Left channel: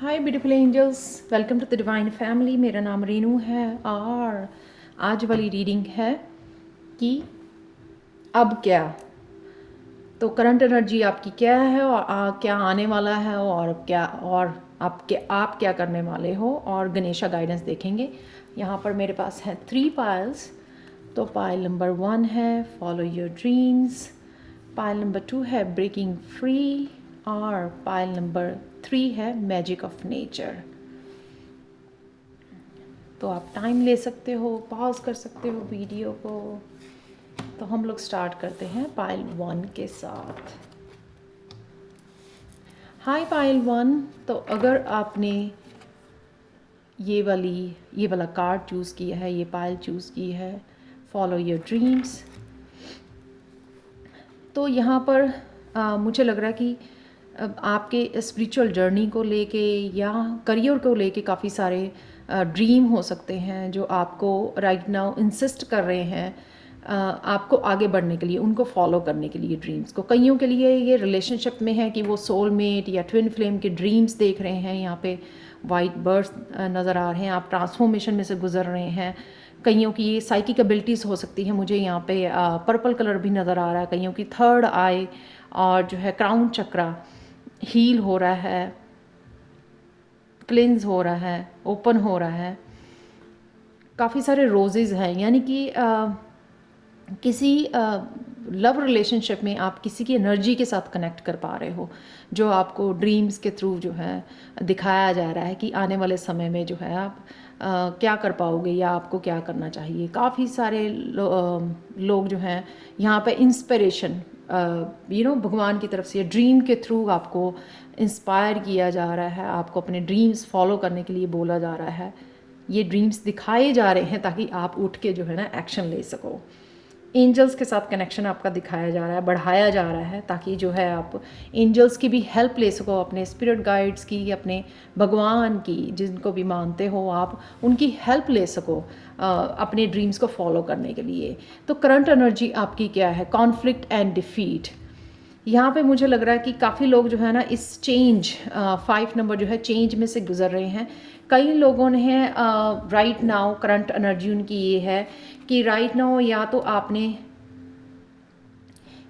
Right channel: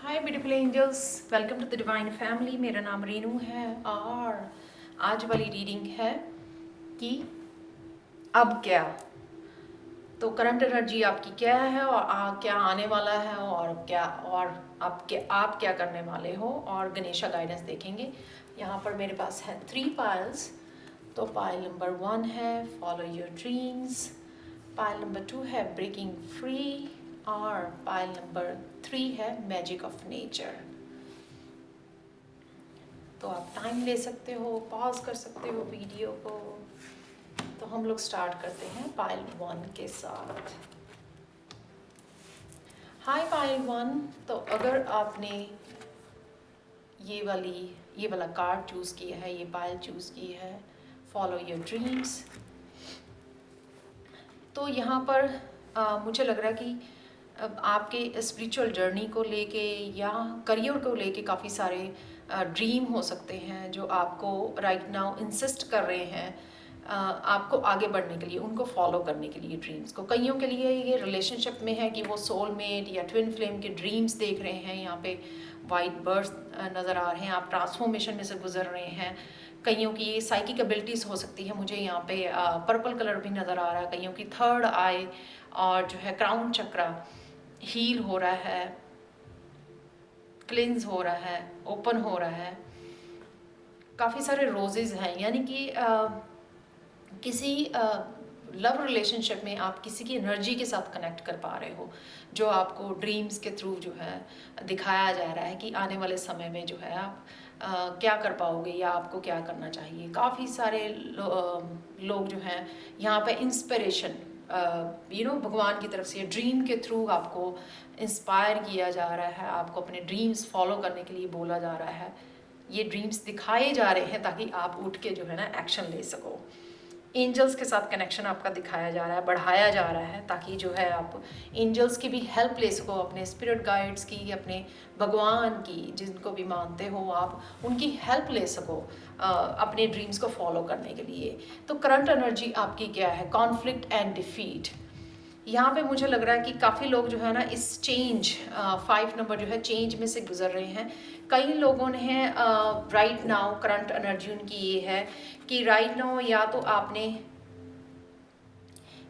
Hi beautiful angels, welcome to the divine family. मेरा नाम रीनू है और आज वाली रीडिंग है कि अब क्या। तो करंट एनर्जी आपकी क्या है और क्या आने वाला है और क्या और आप क्या करने वाले हो, और गणेशा गाइडेंस देखेंगे। यहाँ पर मेरे पास है 3 पाइल्स। तो पाइल नंबर 1 है follow your dreams, pile number 2 है ब्रेकिंग फ्री, और पाइल नंबर 3 है मैजिक ऑफ नेचर। तो आप टाइम ले सकते हो, पॉज कर सकते हो वीडियो को। तो हम लोग स्टार्ट करते हैं पाइल 1 के साथ। हाय पाइल 1। तो अगर आपने ये वाला कार्ड चूज़ किया है, ये पाइल चूज़ की है फॉलो योर ड्रीम्स, तो यहाँ पर मुझे लग रहा है कि आपके स्पिरिचुअल जर्नी को लेके या करियर को लेके काफ़ी सारे ड्रीम हो सकते हैं जो आपको राइट नाउ इंसिस्ट कर रहे हैं आपको आगे बढ़ने के लिए, उनको फॉलो करने के लिए ड्रीम्स को। कईयों के लिए ये रिलेशनशिप में है कि वो सोलमेट या ट्विन फ्लेम के ड्रीम्स देख रहे हैं। यहाँ पे वाइट बर्ड्स नज़र आ रहे हैं, आप ट्रांसफॉर्मेशन में से गुजर रहे हैं। कईयों की ये साइकिक एबिलिटीज़ हो सकती है। मुझे यहाँ पे पर्पल कलर भी नज़र आ रहा है। कईयों की थर्ड आई और जो है क्राउन चक्रा हील हो रहा है, क्लिंज हो रहा है, ओपन हो रहा है। काफ़ी सारे रोजेज़ हैं, यानी कि किसी लव रिलेशनशिप में आप किसी की एनर्जी के साथ कनेक्ट कर पा रहे हो, जो आपको ड्रीम्स के थ्रू जो है दिखाया जा रहा है कि आने वाले समय में जो है आप क्या कर पाओगे या आपको क्या करना चाहिए। काफ़ी सारे लोग जो हैं यहाँ पे इंस्पिरेशन भगवान की तरफ से ड्रीम के थ्रू आपको इंस्पायर किया जा रहा है, आपको अपने ड्रीम्स फॉलो करने के लिए बोला जा रहा है। ये ड्रीम्स दिखाए जा रहे हैं ताकि आप उठ के जो है ना एक्शन ले सको। एंजल्स के साथ कनेक्शन आपका दिखाया जा रहा है, बढ़ाया जा रहा है, ताकि जो है आप एंजल्स की भी हेल्प ले सको, अपने स्पिरिट गाइड्स की, अपने भगवान की, जिनको भी मानते हो आप, उनकी हेल्प ले सको अपने ड्रीम्स को फॉलो करने के लिए। तो करंट एनर्जी आपकी क्या है? Conflict and defeat. यहाँ पे मुझे लग रहा है कि काफ़ी लोग जो है ना इस चेंज 5 नंबर जो है चेंज में से गुजर रहे हैं। कई लोगों ने राइट नाउ करंट एनर्जी उनकी ये है कि राइट नाउ या तो आपने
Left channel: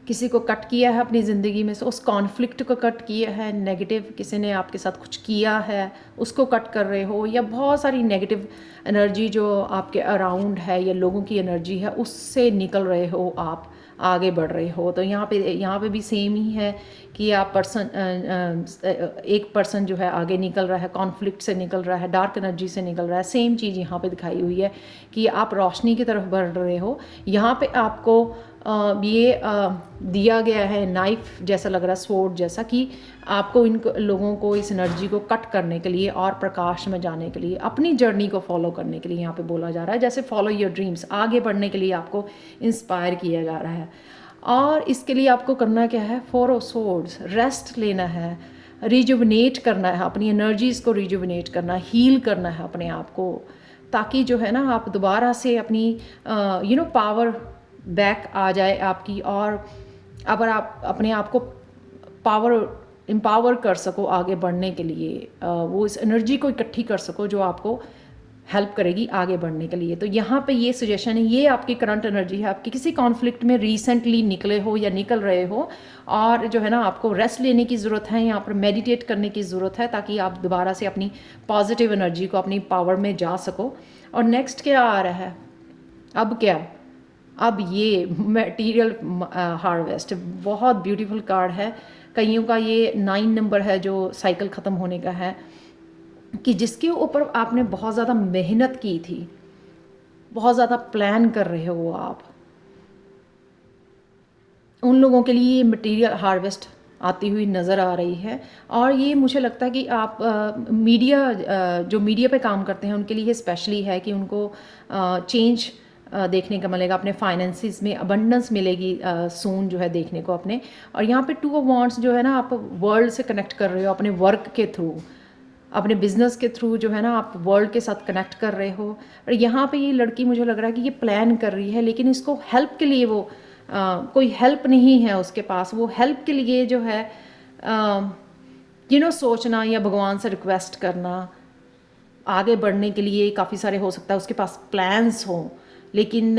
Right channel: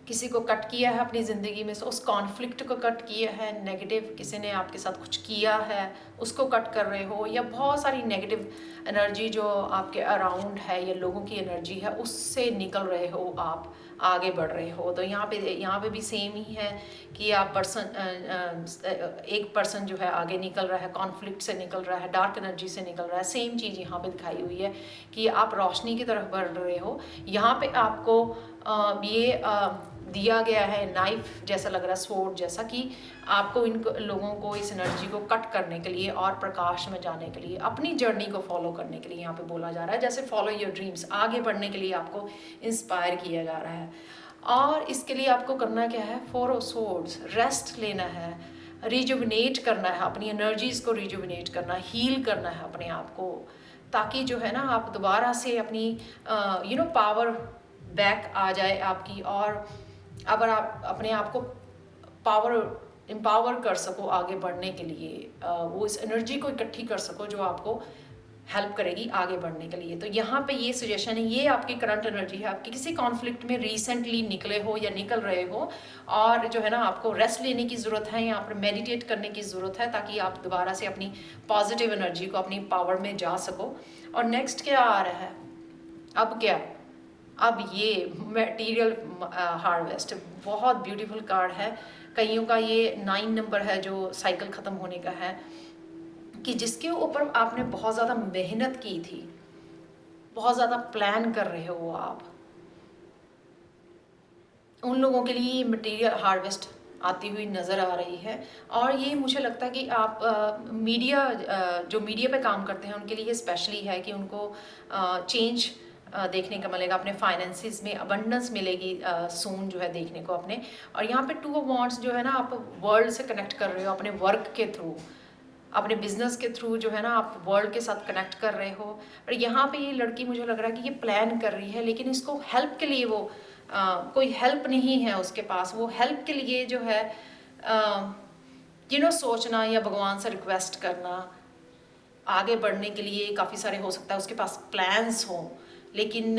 किसी को कट किया है अपनी ज़िंदगी में से, उस कॉन्फ्लिक्ट को कट किया है, नेगेटिव किसी ने आपके साथ कुछ किया है उसको कट कर रहे हो, या बहुत सारी नेगेटिव एनर्जी जो आपके अराउंड है या लोगों की एनर्जी है उससे निकल रहे हो, आप आगे बढ़ रहे हो। तो यहाँ पे भी सेम ही है कि आप एक पर्सन जो है आगे निकल रहा है, कॉन्फ्लिक्ट से निकल रहा है, डार्क एनर्जी से निकल रहा है। सेम चीज़ यहाँ पे दिखाई हुई है कि आप रोशनी की तरफ बढ़ रहे हो। यहाँ पे आपको दिया गया है नाइफ जैसा लग रहा है, स्वॉर्ड जैसा, कि आपको इन लोगों को, इस एनर्जी को कट करने के लिए और प्रकाश में जाने के लिए, अपनी जर्नी को फॉलो करने के लिए यहाँ पे बोला जा रहा है। जैसे फॉलो योर ड्रीम्स, आगे बढ़ने के लिए आपको इंस्पायर किया जा रहा है। और इसके लिए आपको करना क्या है? 4 ऑफ सोर्ड्स, रेस्ट लेना है, रिजुविनेट करना है, अपनी एनर्जीज़ को रिजुविनेट करना, हील करना है अपने आप को, ताकि जो है ना आप दोबारा से अपनी पावर बैक आ जाए आपकी, और अगर आप अपने आप को एम्पावर कर सको आगे बढ़ने के लिए, वो इस एनर्जी को इकट्ठी कर सको जो आपको हेल्प करेगी आगे बढ़ने के लिए। तो यहाँ पे ये सजेशन है, ये आपकी करंट एनर्जी है। आपके किसी कॉन्फ्लिक्ट में रिसेंटली निकले हो या निकल रहे हो, और जो है ना आपको रेस्ट लेने की ज़रूरत है, यहाँ पर मेडिटेट करने की ज़रूरत है, ताकि आप दोबारा से अपनी पॉजिटिव एनर्जी को, अपनी पावर में जा सको। और नेक्स्ट क्या आ रहा है? अब क्या? अब ये मटेरियल हार्वेस्ट, बहुत ब्यूटीफुल कार्ड है। कईयों का ये 9 नंबर है जो साइकिल ख़त्म होने का है, कि जिसके ऊपर आपने बहुत ज़्यादा मेहनत की थी, बहुत ज़्यादा प्लान कर रहे हो आप, उन लोगों के लिए ये मटेरियल हार्वेस्ट आती हुई नज़र आ रही है। और ये मुझे लगता है कि आप जो मीडिया पे काम करते हैं उनके लिए स्पेशली है कि उनको चेंज देखने का मिलेगा, अपने फाइनेंसिस में अबंडेंस मिलेगी सून जो है देखने को अपने। और यहाँ पे 2 ऑफ वांड्स जो है ना, आप वर्ल्ड से कनेक्ट कर रहे हो अपने वर्क के थ्रू, अपने बिजनेस के थ्रू जो है ना आप वर्ल्ड के साथ कनेक्ट कर रहे हो। और यहाँ पे ये लड़की मुझे लग रहा है कि ये प्लान कर रही है, लेकिन इसको हेल्प के लिए वो कोई हेल्प नहीं है उसके पास। वो हेल्प के लिए जो है सोचना या भगवान से रिक्वेस्ट करना आगे बढ़ने के लिए काफ़ी सारे हो सकता है उसके पास प्लान्स हों, लेकिन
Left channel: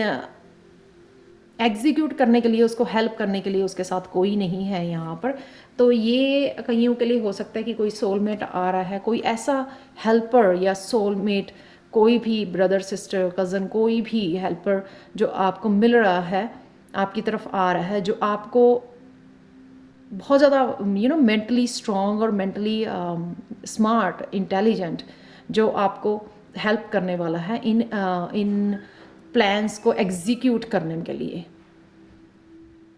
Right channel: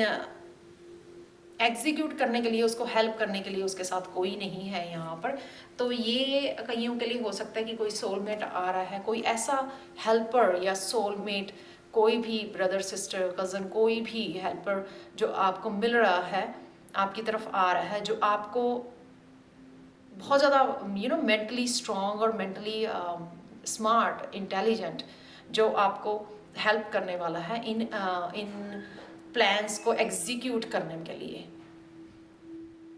एग्जीक्यूट करने के लिए, उसको हेल्प करने के लिए उसके साथ कोई नहीं है यहाँ पर। तो ये कईयों के लिए हो सकता है कि कोई सोलमेट आ रहा है, कोई ऐसा हेल्पर या सोलमेट, कोई भी ब्रदर सिस्टर कज़न, कोई भी हेल्पर जो आपको मिल रहा है, आपकी तरफ आ रहा है, जो आपको बहुत ज़्यादा मेंटली स्ट्रॉन्ग और मेंटली स्मार्ट, इंटेलिजेंट, जो आपको हेल्प करने वाला है इन प्लान्स को एग्जीक्यूट करने के लिए।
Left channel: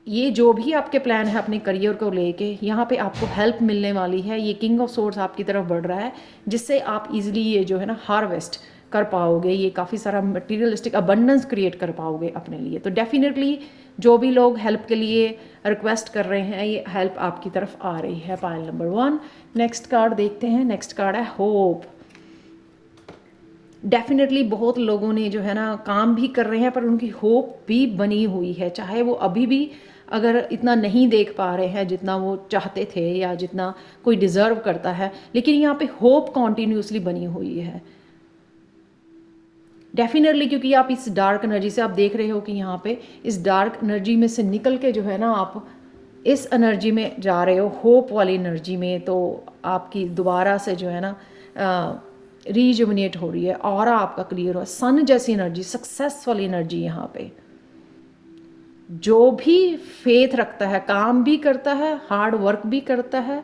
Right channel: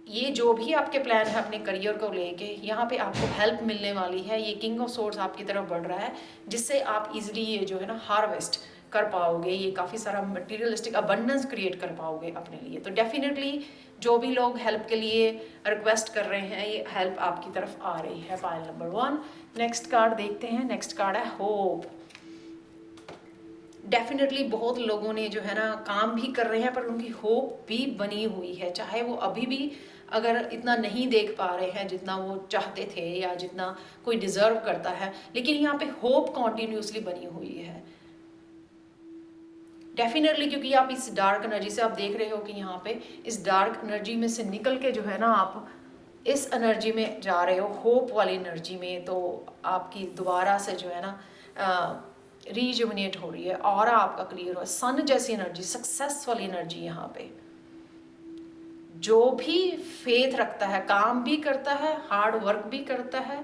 ये जो भी आपके प्लान है अपने करियर को लेके, यहाँ पे आपको हेल्प मिलने वाली है। ये किंग ऑफ सोर्स आपकी तरफ बढ़ रहा है, जिससे आप इजीली ये जो है ना हार्वेस्ट कर पाओगे, ये काफ़ी सारा मटीरियलिस्टिक अबंडेंस क्रिएट कर पाओगे अपने लिए। तो डेफिनेटली जो भी लोग हेल्प के लिए रिक्वेस्ट कर रहे हैं, ये हेल्प आपकी तरफ आ रही है। Pile number 1। नेक्स्ट कार्ड देखते हैं। नेक्स्ट कार्ड है होप। डेफिनेटली बहुत लोगों ने जो है ना काम भी कर रहे हैं, पर उनकी होप भी बनी हुई है, चाहे वो अभी भी अगर इतना नहीं देख पा रहे हैं जितना वो चाहते थे या जितना कोई डिज़र्व करता है, लेकिन यहाँ पे होप कॉन्टीन्यूसली बनी हुई है डेफिनेटली। क्योंकि आप इस डार्क एनर्जी से आप देख रहे हो कि यहाँ पे इस डार्क एनर्जी में से निकल के जो है ना आप इस एनर्जी में जा रहे हो, होप वाली एनर्जी में। तो आपकी दोबारा से जो है ना रीजुमिनेट हो रही है और आपका क्लियर हो, सन जैसी एनर्जी, सक्सेस वाली एनर्जी। यहाँ पे जो भी फेथ रखता है, काम भी करता है, हार्ड वर्क भी करता है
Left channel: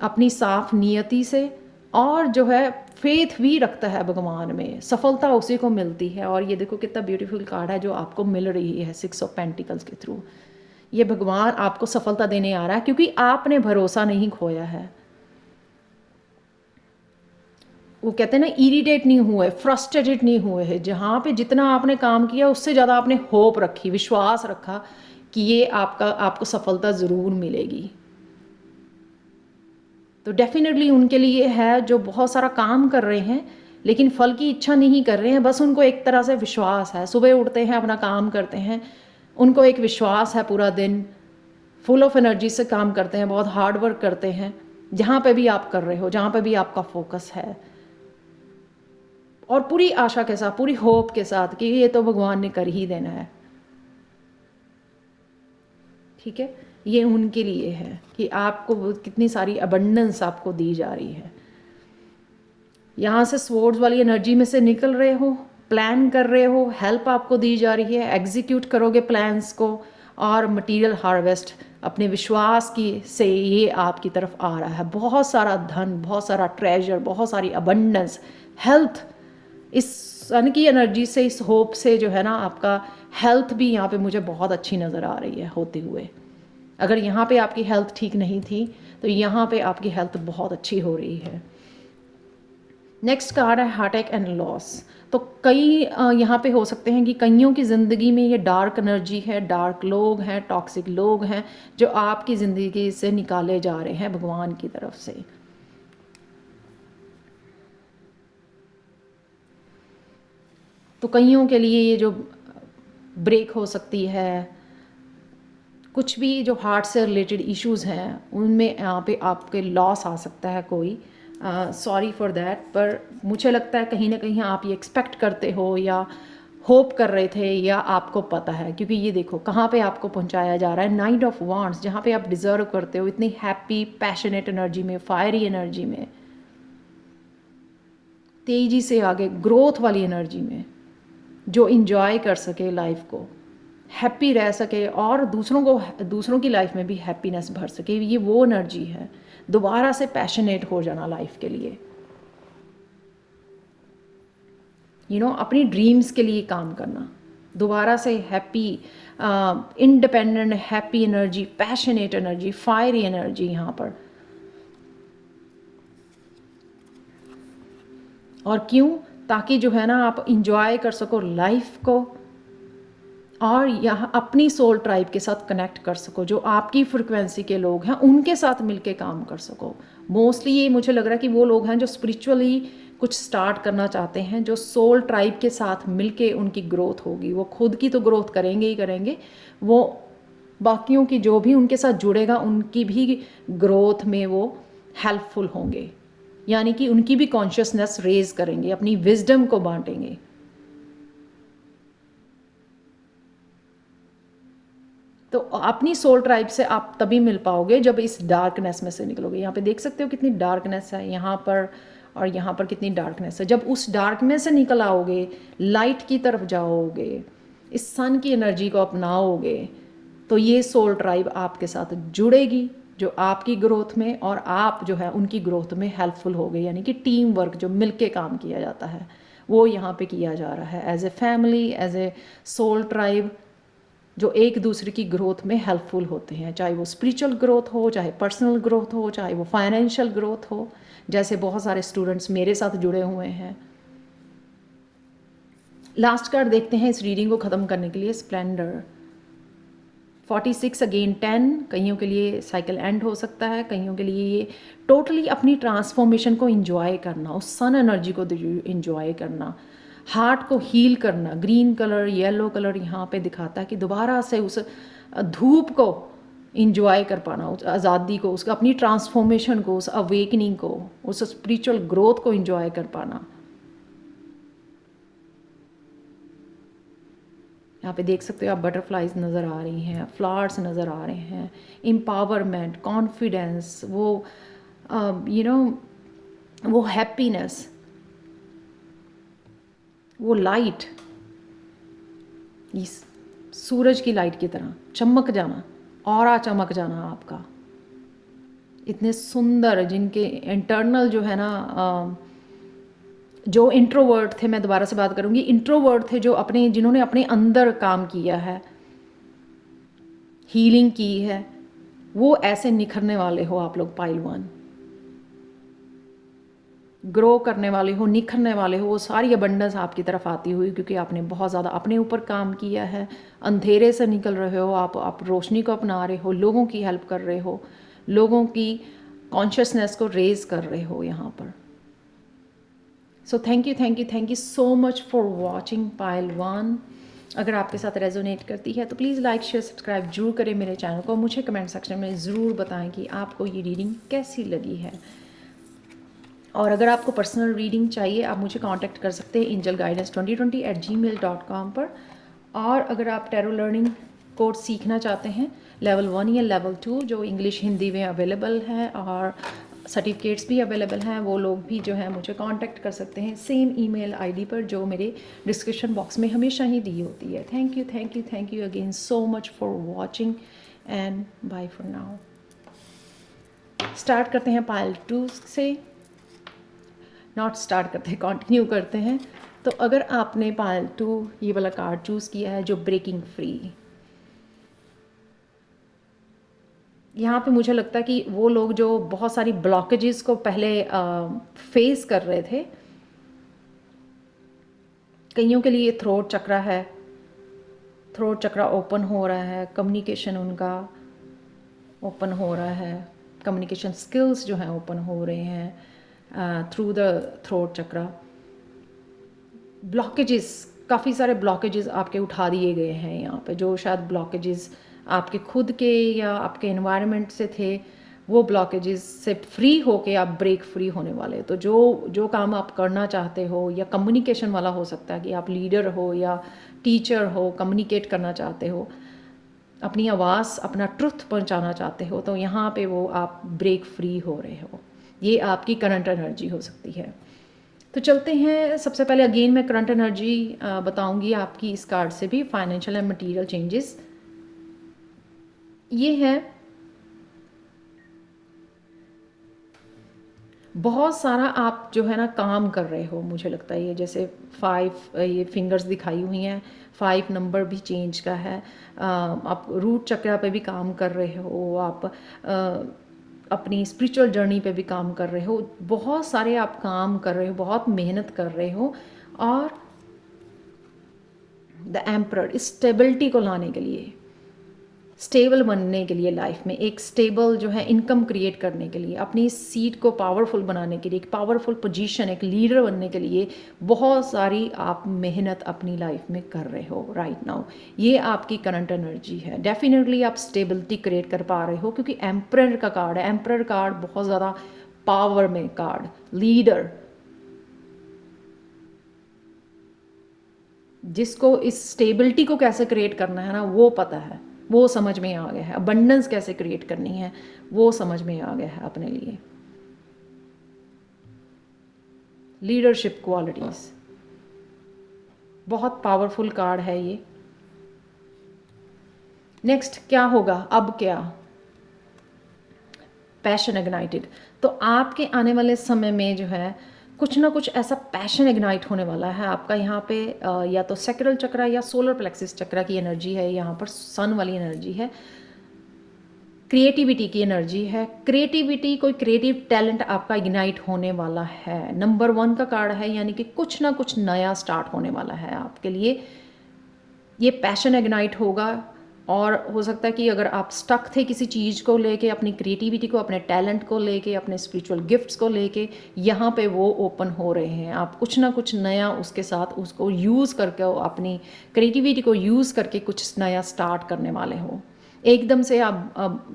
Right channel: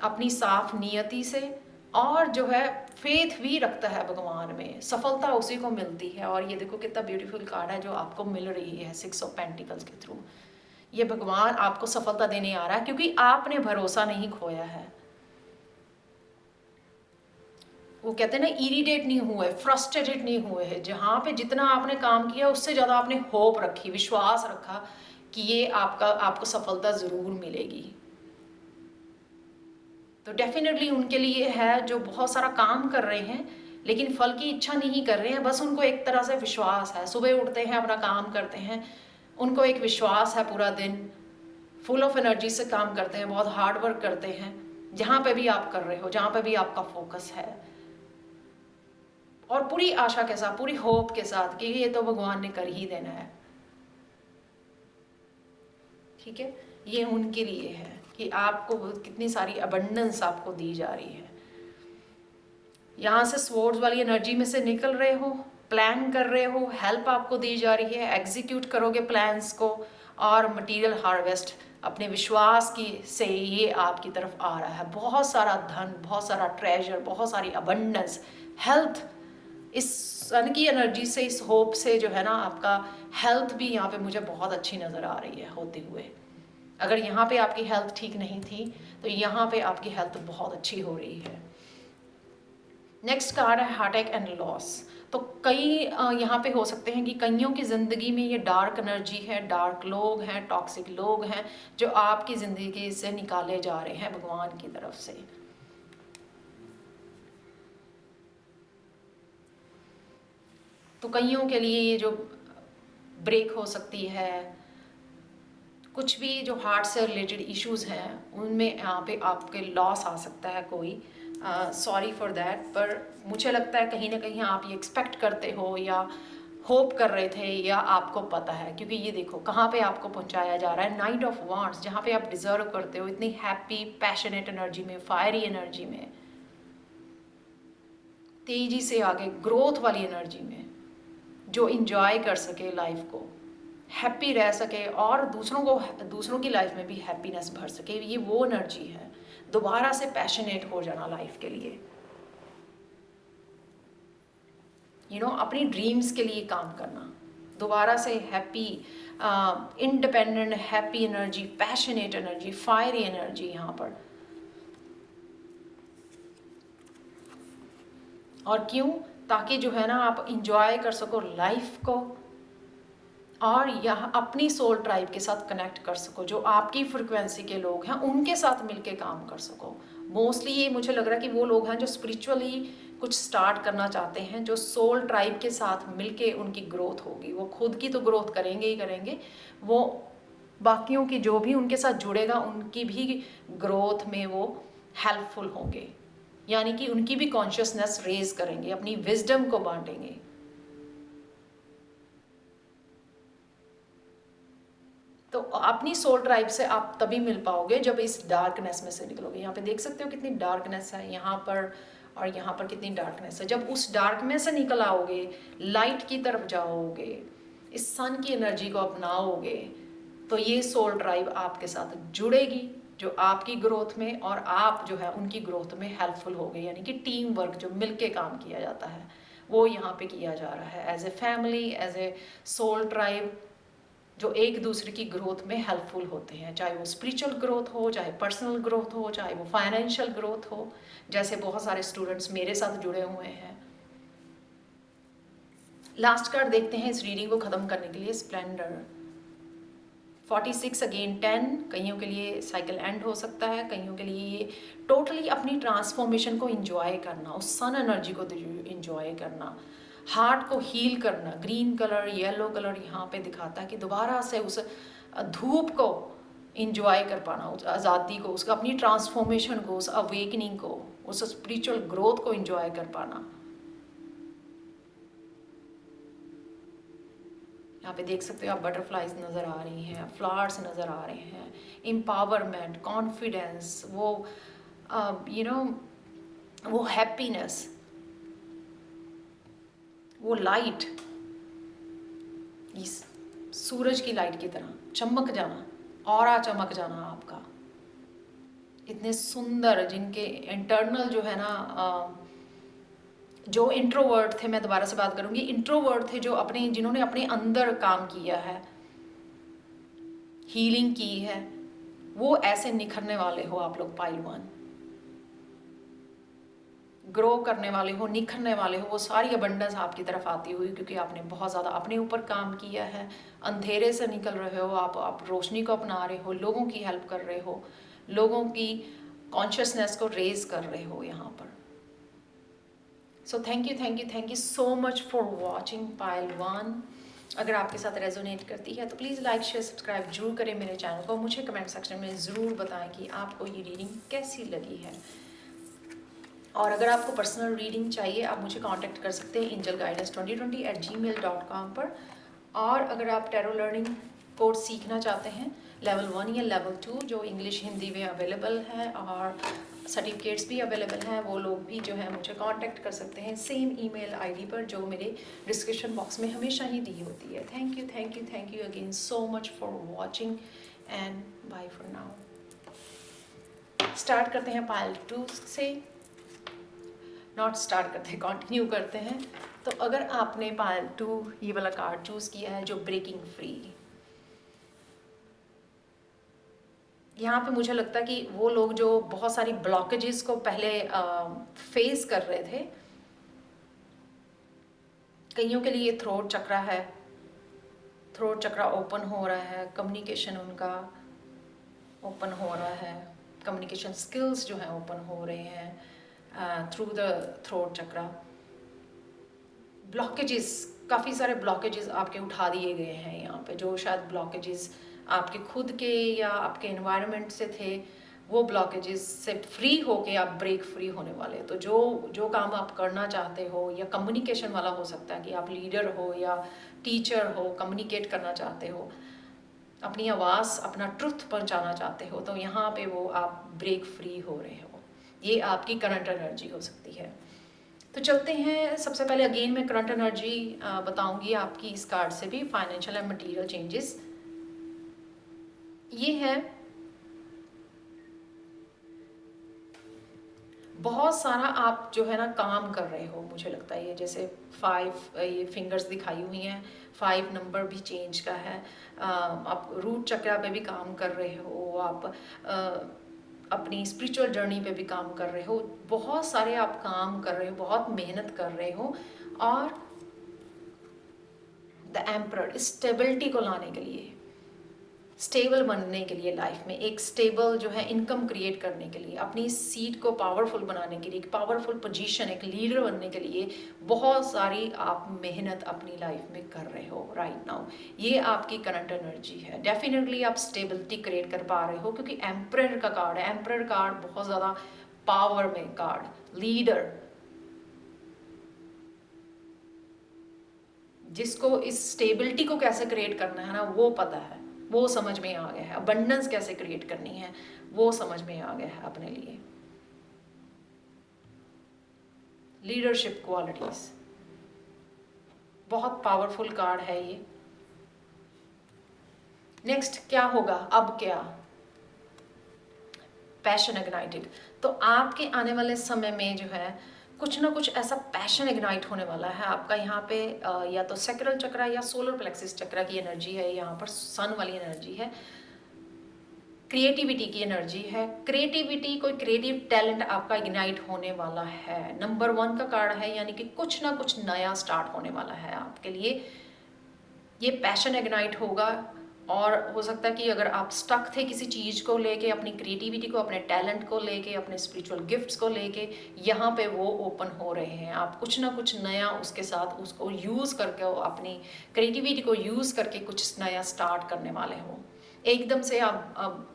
अपनी साफ नियति से, और जो है फेथ भी रखता है भगवान में, सफलता उसी को मिलती है। और ये देखो कितना ब्यूटीफुल कार्ड है जो आपको मिल रही है 6 ऑफ पेंटिकल्स के थ्रू। ये भगवान आपको सफलता देने आ रहा है क्योंकि आपने भरोसा नहीं खोया है। वो कहते हैं ना, इरिटेट नहीं हुए, फ्रस्ट्रेटेड नहीं हुए हैं। जहाँ पे जितना आपने काम किया उससे ज़्यादा आपने होप रखी, विश्वास रखा कि ये आपको सफलता ज़रूर मिलेगी। तो डेफिनेटली उनके लिए है जो बहुत सारा काम कर रहे हैं लेकिन फल की इच्छा नहीं कर रहे हैं, बस उनको एक तरह से विश्वास है। सुबह उठते हैं, अपना काम करते हैं, उनको एक विश्वास है, पूरा दिन फुल ऑफ एनर्जी से काम करते हैं, बहुत हार्ड वर्क करते हैं। जहाँ पे भी आप कर रहे हो, जहाँ पे भी आपका फोकस है, और पूरी आशा के साथ, पूरी होप के साथ कि ये तो भगवान ने कर ही देना है। ठीक है, ये उनके लिए है कि आपको कितनी सारी अबंडेंस आपको दी जा रही है। यहाँ से स्वॉर्ड्स वाली एनर्जी में से निकल रहे हो, प्लान कर रहे हो, हेल्प आपको दी जा रही है, एग्जीक्यूट करोगे प्लान्स को, और मटेरियल हार्वेस्ट अपने विश्वास की से ये आपकी तरफ आ रहा है। बहुत सारा धन, बहुत सारा ट्रेजर, बहुत सारी अबंडेंस, हेल्थ। इस सन की एनर्जी से, इस होप से जो है ना आपका हेल्थ भी यहाँ पे मुझे बहुत अच्छी नज़र आ रही है होते हुए। अगर यहाँ पे आपकी हेल्थ ठीक नहीं थी तो यहाँ पे आपकी हेल्थ बहुत अच्छी हो रही है। नेक्स्ट कार्ड है हार्ट अटैक एंड लॉस। तो कई यहाँ पे हो सकते हैं कि कईयों की ज़िंदगी में ये डार्क एनर्जी है, डार्क लोग हैं, टॉक्सिक लोग हैं जो आपकी ज़िंदगी से निकाले जा रहे हैं भगवान की तरफ से। तो कईयों के लिए ये जो ब्रेक हो सकती है, कुछ भी जो हार्ट से रिलेटेड इश्यूज़ हैं उनमें यहाँ पे आपके लॉस आ सकता है कोई। सॉरी फॉर दैट, पर मुझे लगता है कहीं ना कहीं आप ये एक्सपेक्ट करते हो या होप कर रहे थे, या आपको पता है, क्योंकि ये देखो कहाँ पे आपको पहुँचाया जा रहा है। नाइट ऑफ वांड्स, जहाँ पे आप डिज़र्व करते हो इतनी हैप्पी पैशनेट एनर्जी में, फायरी एनर्जी में, तेज़ी से आगे ग्रोथ वाली एनर्जी में, जो इंजॉय कर सके लाइफ को, हैप्पी रह सके और दूसरों की लाइफ में भी हैप्पीनेस भर सके। ये वो एनर्जी है, दोबारा से पैशनेट हो जाना लाइफ के लिए, अपनी ड्रीम्स के लिए काम करना, दोबारा से happy, independent, happy energy, passionate energy, fiery energy यहाँ पर। और क्यों? ताकि जो है ना आप इंजॉय कर सको लाइफ को, और यहाँ अपनी सोल ट्राइब के साथ कनेक्ट कर सको, जो आपकी फ्रिक्वेंसी के लोग हैं उनके साथ मिलके काम कर सको। मोस्टली ये मुझे लग रहा है कि वो लोग हैं जो स्पिरिचुअली कुछ स्टार्ट करना चाहते हैं, जो सोल ट्राइब के साथ मिलके उनकी ग्रोथ होगी। वो खुद की तो ग्रोथ करेंगे ही करेंगे, वो बाकियों की जो भी उनके साथ जुड़ेगा उनकी भी ग्रोथ में वो हेल्पफुल होंगे, यानी कि उनकी भी कॉन्शियसनेस रेज करेंगे, अपनी विजडम को बांटेंगे। तो अपनी सोल ट्राइब से आप तभी मिल पाओगे जब इस डार्कनेस में से निकलोगे। यहाँ पे देख सकते हो कितनी डार्कनेस है यहाँ पर, और यहाँ पर कितनी डार्कनेस है। जब उस डार्कनेस से निकल आओगे, लाइट की तरफ जाओगे, इस सन की एनर्जी को अपनाओगे, तो ये सोल ट्राइब आपके साथ जुड़ेगी, जो आपकी ग्रोथ में और आप जो है उनकी ग्रोथ में हेल्पफुल होगे। यानी कि टीम वर्क जो मिलके काम किया जाता है वो यहाँ पे किया जा रहा है, as a family, as a soul tribe, जो एक दूसरे की ग्रोथ में हेल्पफुल होते हैं, चाहे वो स्पिरिचुअल ग्रोथ हो, चाहे पर्सनल ग्रोथ हो, चाहे वो फाइनेंशियल ग्रोथ हो। जैसे बहुत सारे स्टूडेंट्स मेरे साथ जुड़े हुए हैं। लास्ट कार्ड देखते हैं इस रीडिंग को ख़त्म करने के लिए, स्प्लेंडर 46 अगेन 10। कईयों के लिए साइकिल एंड हो सकता है, कईयों के लिए ये टोटली अपनी ट्रांसफॉर्मेशन को इंजॉय करना, उस सन एनर्जी को इंजॉय करना, हार्ट को हील करना। ग्रीन कलर, येलो कलर यहाँ पे दिखाता है कि दोबारा से उस धूप को इंजॉय कर पाना, उस आज़ादी को, उसका अपनी ट्रांसफॉर्मेशन को, उस अवेकनिंग को, उस स्पिरिचुअल ग्रोथ को इंजॉय कर पाना। यहाँ पे देख सकते हो आप बटरफ्लाइज नज़र आ रही हैं, फ्लावर्स नज़र आ रहे हैं, एम्पावरमेंट, कॉन्फिडेंस, वो यू नो वो हैप्पीनेस, वो लाइट, इस सूरज की लाइट की तरह चमक जाना, ऑरा चमक जाना आपका। इतने सुंदर, जिनके इंटरनल जो है ना, जो इंट्रोवर्ट थे, मैं दोबारा से बात करूँगी, इंट्रोवर्ट थे, जो अपने, जिन्होंने अपने अंदर काम किया है, हीलिंग की है, वो ऐसे निखरने वाले हो आप लोग। पाइल 1 ग्रो करने वाले हो, निखरने वाले हो, वो सारी अबंडेंस आपकी तरफ आती हुई, क्योंकि आपने बहुत ज़्यादा अपने ऊपर काम किया है। अंधेरे से निकल रहे हो आप रोशनी को अपना रहे हो, लोगों की हेल्प कर रहे हो, लोगों की कॉन्शियसनेस को रेज कर रहे हो यहाँ पर। So thank you so much for watching pile 1। अगर आपके साथ रेजोनेट करती है तो प्लीज़ लाइक, शेयर, सब्सक्राइब जरूर करें मेरे चैनल को। मुझे कमेंट सेक्शन में ज़रूर बताएं कि आपको ये रीडिंग कैसी लगी है। और अगर आपको पर्सनल रीडिंग चाहिए, आप मुझे कांटेक्ट कर सकते हैं angelguidance2020@gmail.com पर। और अगर आप टैरो लर्निंग कोर्स सीखना चाहते हैं, लेवल 1 या लेवल 2, जो इंग्लिश हिंदी में अवेलेबल है और सर्टिफिकेट्स भी अवेलेबल हैं, वो लोग भी जो है मुझे कांटेक्ट कर सकते हैं सेम ईमेल आईडी पर जो मेरे डिस्क्रिप्शन बॉक्स में हमेशा ही दी होती है। Thank you again so much for watching and bye for now. Start करते हैं पाइल 2 से, नॉट स्टार्ट करते हैं, कंटिन्यू करते हैं। तो अगर आपने पाइल 2 ये वाला कार्ड चूज़ किया है, जो ब्रेकिंग फ्री, यहाँ पे मुझे लगता है कि वो लोग जो बहुत सारी ब्लॉकेजेस को पहले फेस कर रहे थे, कईयों के लिए थ्रोट चक्रा है, थ्रोट चक्रा ओपन हो रहा है, कम्युनिकेशन उनका ओपन हो रहा है, कम्युनिकेशन स्किल्स जो हैं ओपन हो रहे हैं through the throat chakra. Blockages, काफ़ी सारे ब्लॉकेजेस आपके उठा दिए गए हैं यहाँ पे, जो शायद ब्लॉकेजेस आपके खुद के या आपके एनवायरनमेंट से थे, वो ब्लॉकेजेस से फ्री होके आप ब्रेक फ्री होने वाले हो। तो जो काम आप करना चाहते हो, या कम्युनिकेशन वाला हो सकता है कि आप लीडर हो या टीचर हो, कम्युनिकेट करना चाहते हो, अपनी आवाज़, अपना ट्रुथ पहुंचाना चाहते हो, तो यहाँ पे वो आप ब्रेक फ्री हो रहे हो। ये आपकी करंट एनर्जी हो सकती है। तो चलते हैं, सबसे पहले अगेन मैं करंट एनर्जी बताऊंगी आपकी इस कार्ड से भी। फाइनेंशियल एंड मटेरियल चेंजेस ये है, बहुत सारा आप जो है ना काम कर रहे हो, मुझे लगता है। ये जैसे 5 ये फिंगर्स दिखाई हुई हैं, 5 नंबर भी चेंज का है। आप रूट चक्रा पे भी काम कर रहे हो, आप अपनी स्पिरिचुअल जर्नी पे भी काम कर रहे हो, बहुत सारे आप काम कर रहे हो, बहुत मेहनत कर रहे हो। और द एम्परर, स्टेबिलिटी को लाने के लिए, स्टेबल बनने के लिए, लाइफ में एक स्टेबल जो है इनकम क्रिएट करने के लिए, अपनी सीट को पावरफुल बनाने के लिए, एक पावरफुल पोजीशन, एक लीडर बनने के लिए बहुत सारी आप मेहनत अपनी लाइफ में कर रहे हो राइट नाउ। ये आपकी करंट एनर्जी है। डेफिनेटली आप स्टेबिलिटी क्रिएट कर पा रहे हो, क्योंकि एम्परर का कार्ड है। एम्परर कार्ड बहुत ज़्यादा पावर में कार्ड, लीडर, जिसको इस स्टेबिलिटी को कैसे क्रिएट करना है ना वो पता है, वो समझ में आ गया है। अबंडेंस कैसे क्रिएट करनी है वो समझ में आ गया है अपने लिए। लीडरशिप क्वालिटीज, बहुत पावरफुल कार्ड है ये। नेक्स्ट क्या होगा, अब क्या, पैशन इग्नाइटेड। तो आपके आने वाले समय में जो है कुछ ना कुछ ऐसा पैशन इग्नाइट होने वाला है आपका यहाँ पे, या तो सैक्रल चक्रा या सोलर प्लेक्सिस चक्रा की एनर्जी है, यहाँ पर सन वाली एनर्जी है, क्रिएटिविटी की एनर्जी है। क्रिएटिविटी, कोई क्रिएटिव टैलेंट आपका इग्नाइट होने वाला है। नंबर 1 का कार्ड है, यानी कि कुछ ना कुछ नया स्टार्ट होने वाला है आपके लिए। ये पैशन इग्नाइट होगा, और हो सकता है कि अगर आप स्टक थे किसी चीज़ को लेके, अपनी क्रिएटिविटी को, अपने टैलेंट को लेके, अपने स्पिरिचुअल गिफ्ट्स को लेके, यहाँ पे वो ओपन हो रहे हैं। आप कुछ ना कुछ नया उसके साथ उसको यूज़ करके, अपनी क्रिएटिविटी को यूज़ करके कुछ नया स्टार्ट करने वाले हो। एकदम से आप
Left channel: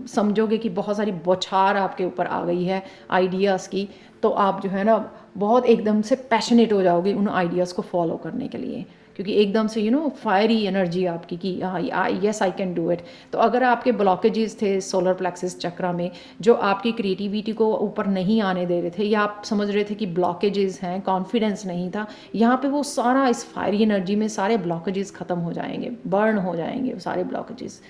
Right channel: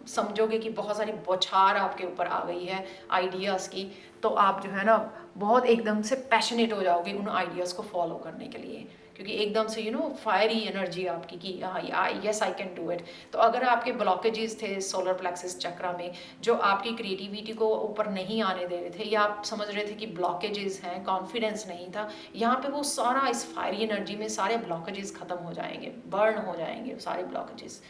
समझोगे कि बहुत सारी बौछार आपके ऊपर आ गई है आइडियाज़ की, तो आप जो है ना बहुत एकदम से पैशनेट हो जाओगे उन आइडियाज़ को फॉलो करने के लिए, क्योंकि एकदम से फायरी एनर्जी आपकी कि yes I can do it. तो अगर आपके ब्लॉकेजेस थे सोलर प्लेक्सिस चक्रा में जो आपकी क्रिएटिविटी को ऊपर नहीं आने दे रहे थे, या आप समझ रहे थे कि ब्लॉकेजेस हैं, कॉन्फिडेंस नहीं था, यहाँ पे वो सारा इस फायरी एनर्जी में सारे ब्लॉकेजेस ख़त्म हो जाएंगे, बर्न हो जाएंगे वो सारे ब्लॉकेजेस।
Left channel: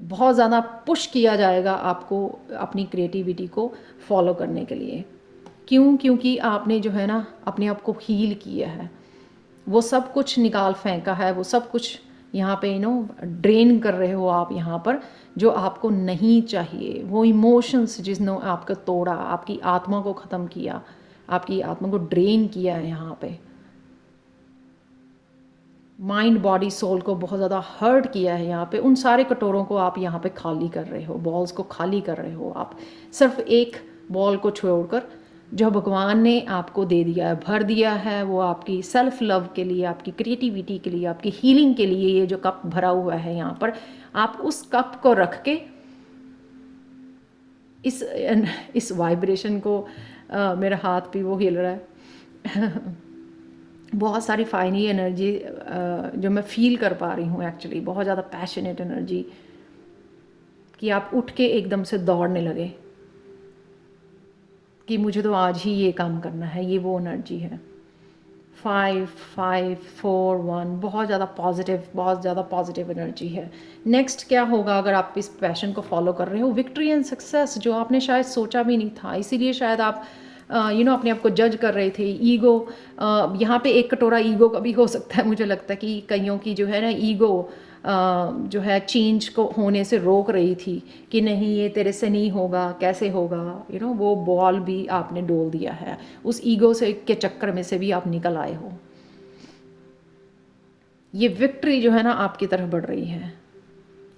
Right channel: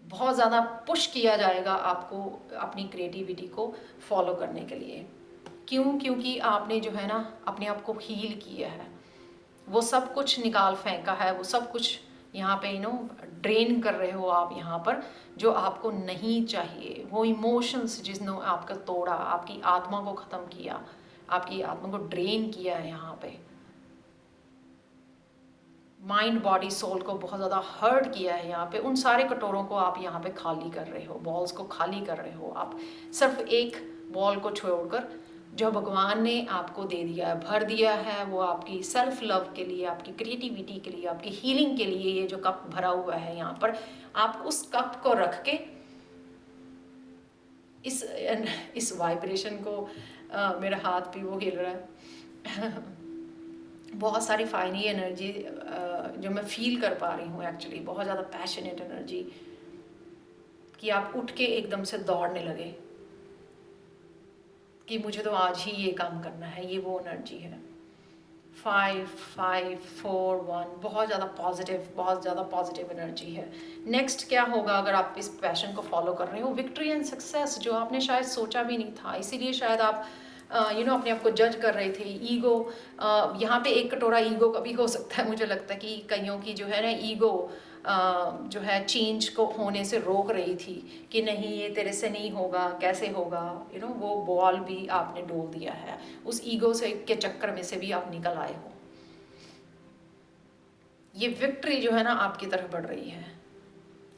बहुत ज़्यादा पुश किया जाएगा आपको अपनी क्रिएटिविटी को फॉलो करने के लिए। क्यों? क्योंकि आपने जो है ना अपने आप को हील किया है, वो सब कुछ निकाल फेंका है, वो सब कुछ यहाँ पे ड्रेन कर रहे हो आप यहाँ पर, जो आपको नहीं चाहिए। वो इमोशंस जिसने आपका तोड़ा, आपकी आत्मा को ख़त्म किया, आपकी आत्मा को ड्रेन किया है यहाँ पे, माइंड बॉडी सोल को बहुत ज़्यादा हर्ट किया है यहाँ पे, उन सारे कटोरों को आप यहाँ पे खाली कर रहे हो, बॉल्स को खाली कर रहे हो आप। सिर्फ एक बॉल को छोड़कर जो भगवान ने आपको दे दिया है, भर दिया है, वो आपकी सेल्फ लव के लिए, आपकी क्रिएटिविटी के लिए, आपकी हीलिंग के लिए। ये जो कप भरा हुआ है यहाँ पर, आप उस कप को रख के इस वाइब्रेशन को, मेरा हाथ भी वो हिल रहा है बहुत सारी फाइनी एनर्जी जो मैं फील कर पा रही हूँ एक्चुअली, बहुत ज़्यादा पैशनेट एनर्जी कि आप उठ के एकदम से दौड़ने लगे कि मुझे तो आज ही ये काम करना है। ये वो एनर्जी है। 5 5 4 1, बहुत ज़्यादा पॉजिटिव एनर्जी है। नेक्स्ट क्या होगा अगर आप इस पैशन को फॉलो कर रहे हो? विक्ट्री एंड सक्सेस, जो आपने शायद सोचा भी नहीं था। इसीलिए शायद आप अपने आप को जज कर रहे थे। ईगो, यहाँ पे एक कटोरा ईगो का भी हो सकता है। मुझे लगता है कि कईयों की जो है ना ईगो जो है चेंज को होने से रोक रही थी कि नहीं ये तेरे से नहीं होगा, कैसे होगा, वो बॉल भी आपने डोल दिया है। उस ईगो से के चक्कर में से भी आप निकल आए हो। ये विक्ट्री जो है ना आपकी तरफ बढ़ रही है।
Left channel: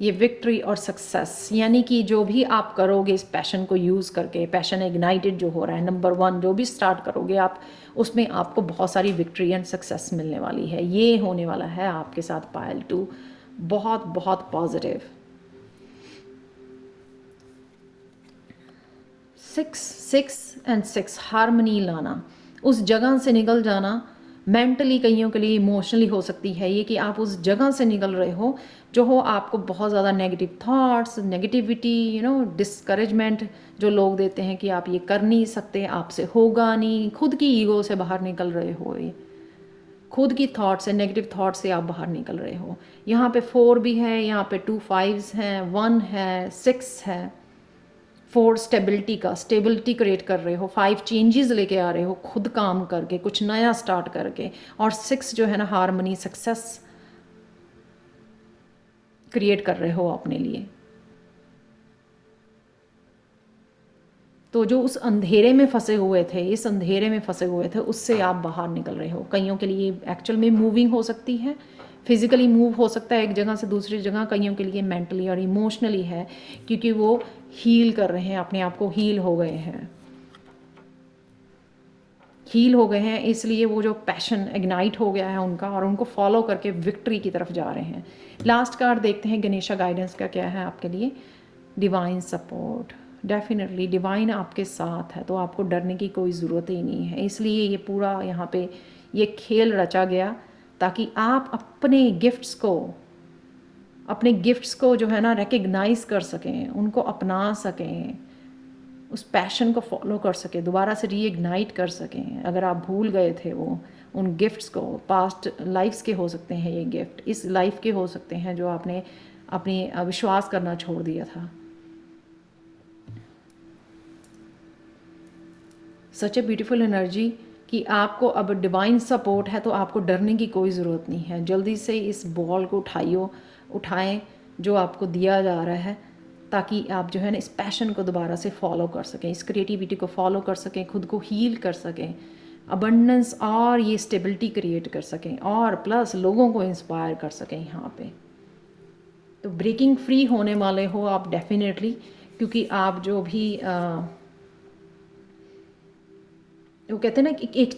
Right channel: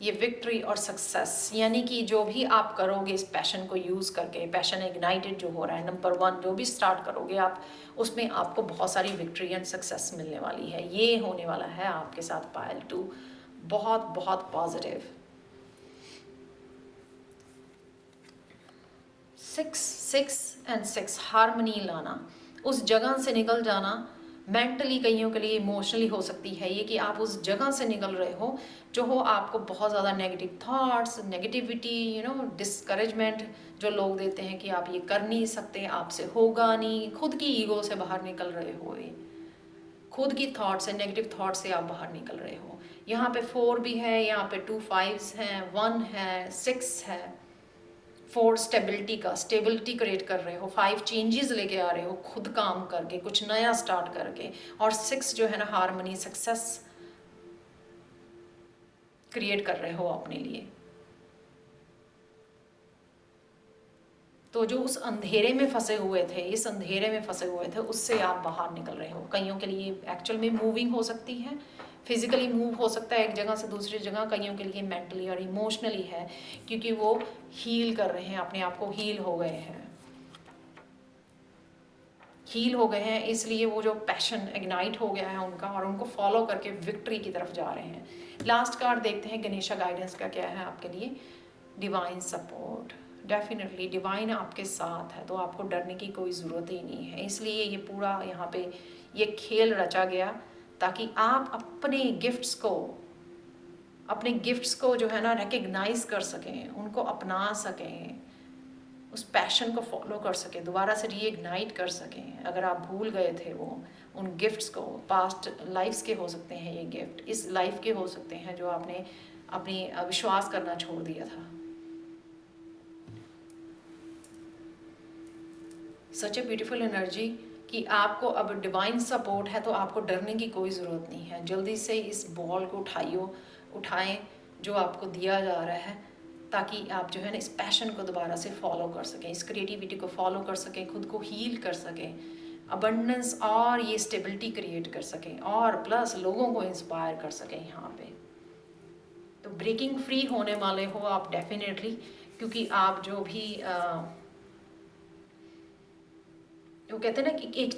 ये विक्ट्री और सक्सेस, यानी कि जो भी आप करोगे इस पैशन को यूज़ करके, पैशन इग्नाइटेड जो हो रहा है, नंबर 1 जो भी स्टार्ट करोगे आप, उसमें आपको बहुत सारी विक्ट्री एंड सक्सेस मिलने वाली है। ये होने वाला है आपके साथ पायल 2, बहुत बहुत पॉजिटिव। 6 एंड 6 हार्मनी लाना, उस जगह से निकल जाना। मेंटली कईयों के लिए इमोशनली हो सकती है ये कि आप उस जगह से निकल रहे हो जो हो आपको बहुत ज़्यादा नेगेटिव थॉट्स, नेगेटिविटी, डिस्करेजमेंट जो लोग देते हैं कि आप ये कर नहीं सकते, आपसे होगा नहीं। खुद की ईगो से बाहर निकल रहे हो, ये खुद की थॉट से, नेगेटिव थॉट से आप बाहर निकल रहे हो। यहाँ पे 4 भी है, यहाँ पे 2 5s हैं, 1 है, 6 है। 4 स्टेबिलिटी क्रिएट कर रहे हो, 5 चेंजेस लेके आ रहे हो खुद काम करके, कुछ नया स्टार्ट करके, और 6 जो है ना हार्मनी, सक्सेस क्रिएट कर रहे हो अपने लिए। तो जो उस अंधेरे में फंसे हुए थे, इस अंधेरे में फंसे हुए थे, उससे आप बाहर निकल रहे हो। कईयों के लिए एक्चुअल में मूविंग हो सकती है, फिजिकली मूव हो सकता है एक जगह से दूसरी जगह। कईयों के लिए मेंटली और इमोशनली है, क्योंकि वो हील कर रहे हैं अपने आप को, हील हो गए हैं, इसलिए वो जो पैशन इग्नाइट हो गया है उनका, और उनको फॉलो करके विक्ट्री की तरफ जा रहे हैं। लास्ट कार्ड देखते हैं गणेशा गाइडेंस का क्या है आपके लिए। डिवाइन सपोर्ट, डेफिनेटली डिवाइन आपके साथ है, तो आपको डरने की कोई ज़रूरत ही नहीं है। इसलिए ये पूरा यहाँ पे ये खेल रचा गया ताकि आप अपने गिफ्ट्स को जो है ना रिकग्नाइज कर सकें, उनको अपना सकें, उस पैशन को फॉलो कर सकें, दोबारा से रीइग्नाइट कर सकें। अगर आप भूल गए थे वो उन गिफ्ट्स को, पास्ट लाइफ्स के हो सकते हैं ये गिफ्ट, इस लाइफ के हो सकते हैं जो आपने अपनी विश्वास करना छोड़ दिया था। सच ए ब्यूटीफुल एनर्जी कि आपको अब डिवाइन सपोर्ट है, तो आपको डरने की कोई ज़रूरत नहीं है। जल्दी से इस बॉल को उठाएं जो आपको दिया जा रहा है, ताकि आप जो है ना इस पैशन को दोबारा से फॉलो कर सकें, इस क्रिएटिविटी को फॉलो कर सकें, खुद को हील कर सकें, अबंडेंस और ये स्टेबिलिटी क्रिएट कर सकें, और प्लस लोगों को इंस्पायर कर सकें यहाँ पे। तो ब्रेकिंग फ्री होने वाले हो आप डेफिनेटली, क्योंकि आप जो भी वो कहते हैं ना कि एक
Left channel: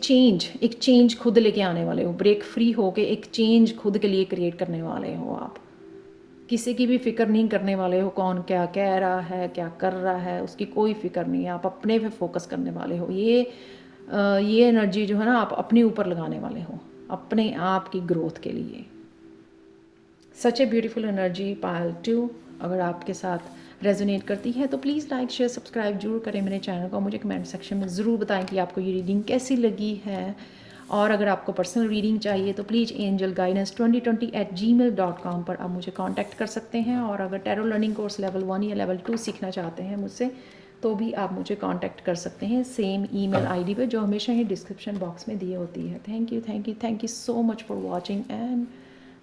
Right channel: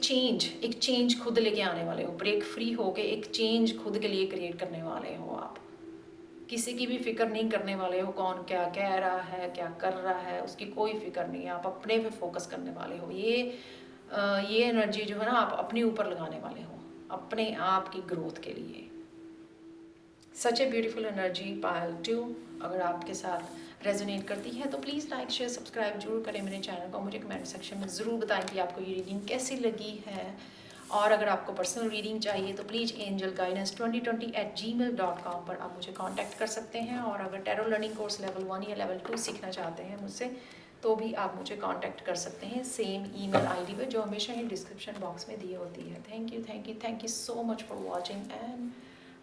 चेंज खुद लेके आने वाले हो, ब्रेक फ्री होके एक चेंज खुद के लिए क्रिएट करने वाले हो आप। किसी की भी फिक्र नहीं करने वाले हो, कौन क्या कह रहा है, क्या कर रहा है, उसकी कोई फिक्र नहीं है। आप अपने पे फोकस करने वाले हो। ये एनर्जी जो है ना आप अपने ऊपर लगाने वाले हो, अपने आप की ग्रोथ के लिए। सच ए ब्यूटीफुल एनर्जी पायल 2 अगर आपके साथ रेजोनेट करती है तो प्लीज़ लाइक शेयर सब्सक्राइब जरूर करें मेरे चैनल को। मुझे कमेंट सेक्शन में ज़रूर बताएं कि आपको ये रीडिंग कैसी लगी है। और अगर आपको पर्सनल रीडिंग चाहिए तो प्लीज़ angelguidance2020@gmail.com पर आप मुझे कांटेक्ट कर सकते हैं। और अगर टैरो लर्निंग कोर्स लेवल 1 या लेवल 2 सीखना चाहते हैं मुझसे, तो भी आप मुझे कांटेक्ट कर सकते हैं सेम ईमेल आईडी पे जो हमेशा ही डिस्क्रिप्शन बॉक्स में दी होती है। Thank you so much for watching and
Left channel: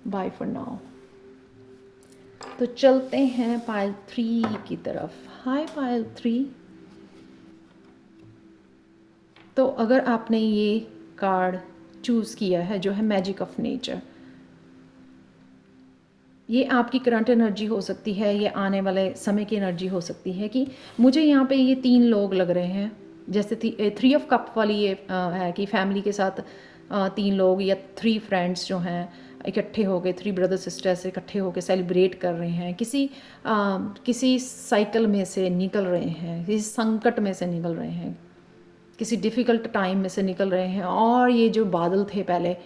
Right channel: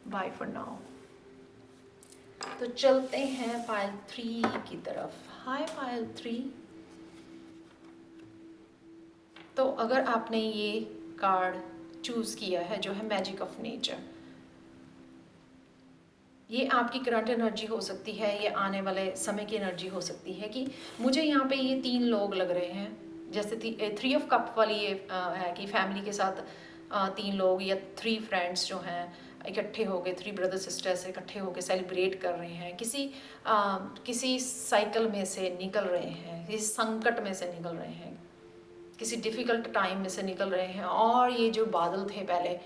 bye for now. तो चलते हैं पायल 3 की तरफ। हाय पायल 3। तो अगर आपने ये कार्ड चूज़ किया है जो है मैजिक ऑफ नेचर, ये आपकी करंट एनर्जी हो सकती है, ये आने वाले समय की एनर्जी हो सकती है। कि मुझे यहाँ पे ये 3 लोग लग रहे हैं, जैसे 3 ऑफ कप वाली ये है कि फैमिली के साथ 3 लोग या 3 फ्रेंड्स जो हैं इकट्ठे हो गए, 3 ब्रदर सिस्टर्स इकट्ठे होकर सेलिब्रेट कर रहे हैं, किसी साइकिल में से निकल रहे हैं, किसी संकट में से निकल रहे हैं, किसी डिफ़िकल्ट टाइम में से निकल रहे हैं। और ये जो बादल थे पहले,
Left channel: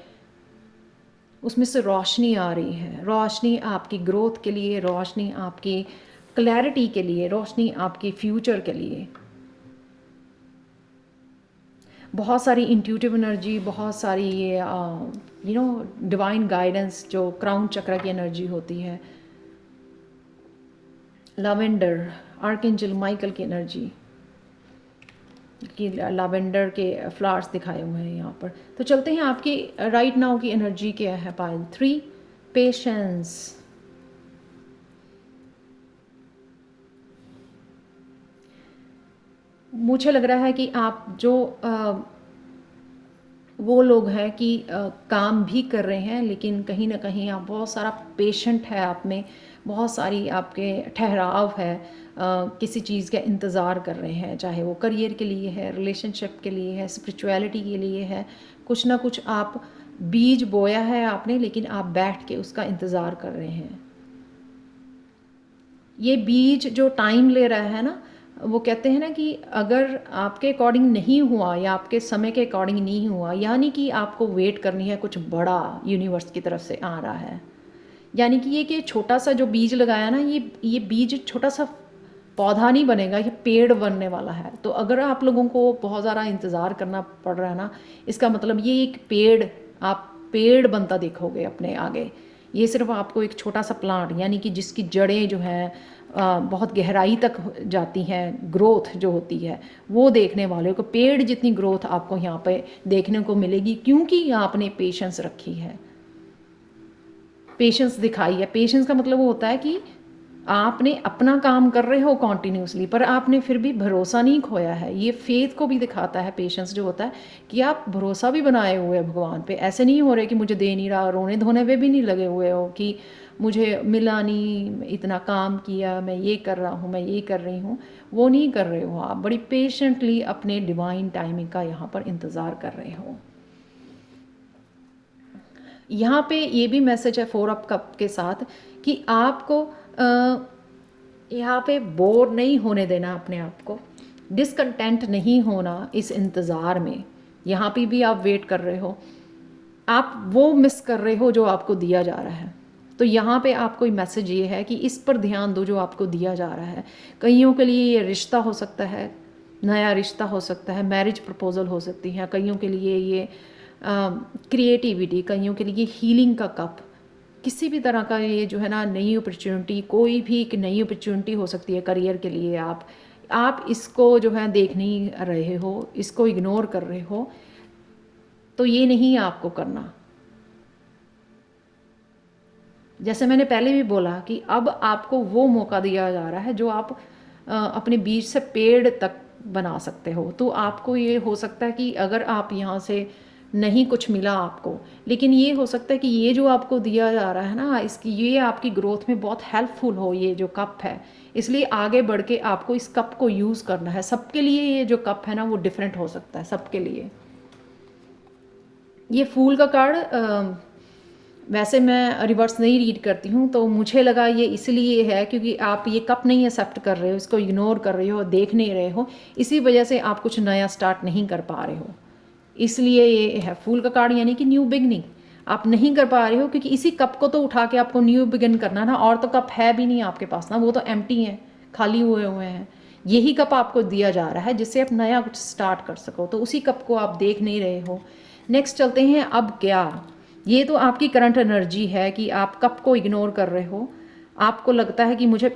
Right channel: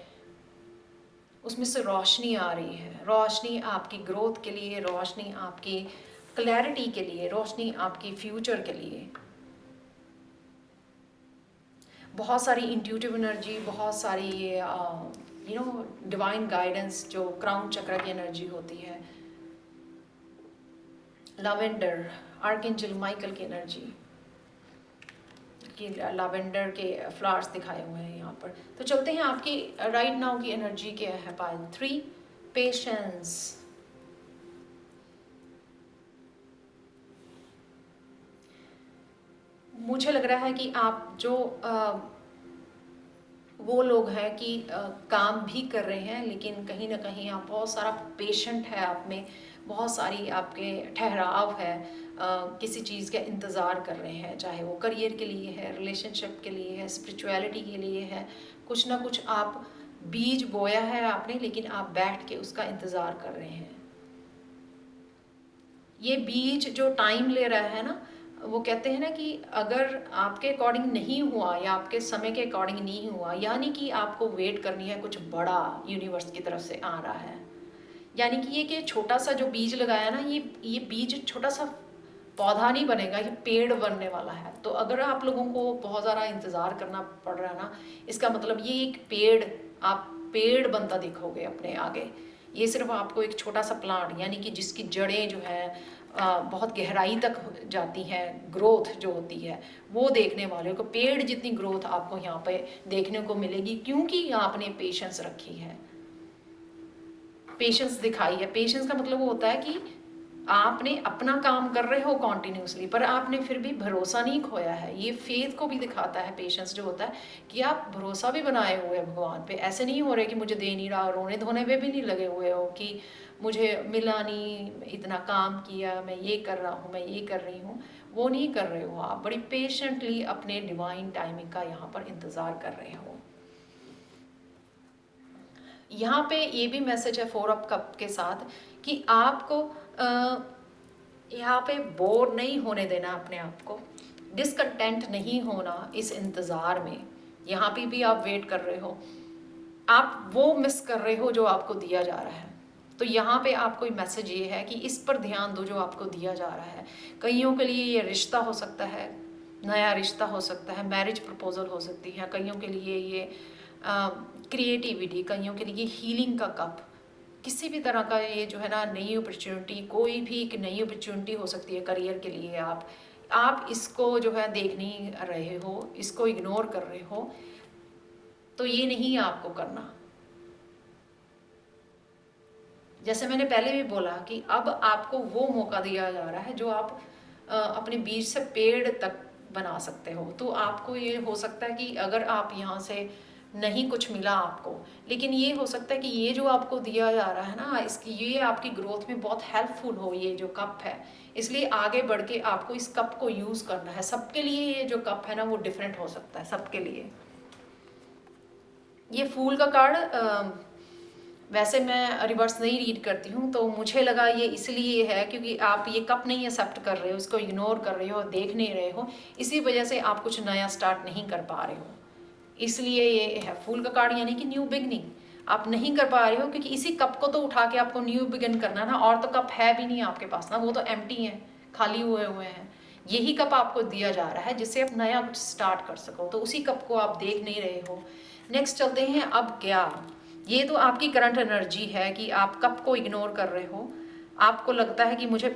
उसमें से रोशनी आ रही है। रोशनी आपकी ग्रोथ के लिए, रोशनी आपकी क्लैरिटी के लिए, रोशनी आपकी फ्यूचर के लिए। बहुत सारी इंट्यूटिव एनर्जी, बहुत सारी ये डिवाइन गाइडेंस जो क्राउन चक्र की एनर्जी होती है, लैवेंडर आर्कएंजल माइकल की एनर्जी कि लैवेंडर के फ्लावर्स दिखाए हुए हैं यहाँ पर। तो चलते हैं आपकी राइट नाउ की एनर्जी क्या है पायल 3। पेशेंस। मुझे लग रहा है कि आप जो वो लोग हैं कि काम भी कर रहे हैं, लेकिन कहीं ना कहीं आप बहुत सारा पेशेंट है आप में, बहुत सारी आपके ठहराव है, किसी चीज़ का इंतज़ार कर रहे हैं, चाहे वो करियर के लिए है, रिलेशनशिप के लिए है, स्पिरिचुअलिटी के लिए है। कुछ ना कुछ आप बीज बोया है आपने, लेकिन आप बैठ के उसका इंतज़ार कर रहे हैं। ये बीज जो टाइम ले रहा है ना, वो कहते हैं ना कि अगर आपके अकॉर्डिंग नहीं हुआ या आपके समय के अकॉर्डिंग नहीं हुआ, यानी कि आपको वेट करनी है, कुछ बड़ा यूनिवर्स की तरफ से आ रहा है। यानी कि ये कि छोटा सा जो बीज लगाया ना, ये बीज छोटा सा पौधा नहीं बनेगा, ये पेड़ बनने वाला है। तो अगर आप लोगों को बहुत ज़्यादा इंतज़ार करना पड़ रहा है ना, इसका मतलब ये एक आप पेड़ बनता देखोगे अपने आगे। ये सिर्फ आपको एक छोटा सा प्लांट, यानी कि जिसकी जड़ें जो हैं बहुत गहराई तक जाती हैं, ग्रोथ जो होती है वो देखने वाले को, पेड़ जितनी ग्रोथ आपको यहाँ पे देखने को मिलेगी, क्योंकि आपने पेशेंस रखी है, पेशेंस दिखाई है। पेशेंस का मतलब वो होता है कि आपने अपना काम कर रहे हो कॉन्टीन्यूसली, पर आपने फिर भी भरोसा नहीं खोया है। ये फेथ को भी दिखाता है पेशेंस जो होता है, कि आप भरोसा भी बनाए हुए हैं भगवान पे। ऐसे नहीं हो रहे कि मुझे दे नहीं रहा, रोने धोने पे भी नहीं लगे हुए हो कि मुझे मिला नहीं, इतना काम किया, मैं ये कर रहा हूँ, मैं ये कर रही हूँ, वो नहीं कर रहे हो। आप बड़ी पेशेंटली अपने डिवाइन टाइमिंग का यहाँ पर इंतज़ार कर रहे हो। यहाँ पे ये भी मैसेज है 4 ऑफ कप के साथ कि आपको यहाँ पे बोर नहीं होने देना अपने आप को, डिसकंटेंट नहीं होना इस इंतज़ार में। यहाँ पे भी आप वेट कर रहे हो, आप वो मिस कर रहे हो जो आपको दिया जा रहा है। तो यहाँ पे आपको मैसेज ये है कि इस पर ध्यान दो जो आपको दिया जा रहा है। कईयों के लिए ये रिश्ता हो सकता है, नया रिश्ता हो सकता है, मैरिज प्रपोजल हो सकती है, कईयों के लिए ये क्रिएटिविटी, कईयों के लिए हीलिंग का कप, किसी भी तरह का ये जो है ना नई अपॉर्चुनिटी, कोई भी एक नई अपॉर्चुनिटी हो सकती है करियर के लिए। आप इसको जो है देख नहीं रहे हो, इसको इग्नोर कर रहे हो, तो ये नहीं आपको करना। जैसे मैंने पहले भी बोला कि अब आपको वो मौका दिया जा रहा है जो आप अपने बीज से पेड़ तक बना सकते हो। तो आपको ये हो सकता है कि अगर आप यहाँ से नहीं कुछ मिला आपको, लेकिन ये हो सकता है कि ये जो आपको दिया जा रहा है ना, इसकी ये आपकी ग्रोथ में बहुत हेल्पफुल हो, ये जो कप है। इसलिए आगे बढ़ के आपको इस कप को यूज़ करना है। सबके लिए ये जो कप है ना वो डिफरेंट हो सकता है, सबके लिए। ये फूल का कार्ड वैसे मैं रिवर्स नहीं रीड करती हूँ, तो मुझे लगा ये इसलिए है क्योंकि आप ये कप नहीं एक्सेप्ट कर रहे हो, इसको इग्नोर कर रहे हो, देख नहीं रहे हो, इसी वजह से आप कुछ नया स्टार्ट नहीं कर पा रहे हो। इसलिए ये है फूल का कार्ड, यानी कि न्यू बिगनिंग आप नहीं कर पा रहे हो, क्योंकि इसी कप को तो उठा के आपको न्यू बिगिन करना ना, और तो कप है भी नहीं आपके पास ना, वो तो एम्प्टी हैं, खाली हुए हैं। यही कप आपको दिया जा रहा है जिससे आप नया कुछ स्टार्ट कर सको, तो उसी कप को आप देख नहीं रहे हो। नेक्स्ट चलते हैं, अब क्या। ये तो आपकी करंट एनर्जी है कि आप कप को इग्नोर कर रहे हो। आपको लगता है कि मुझे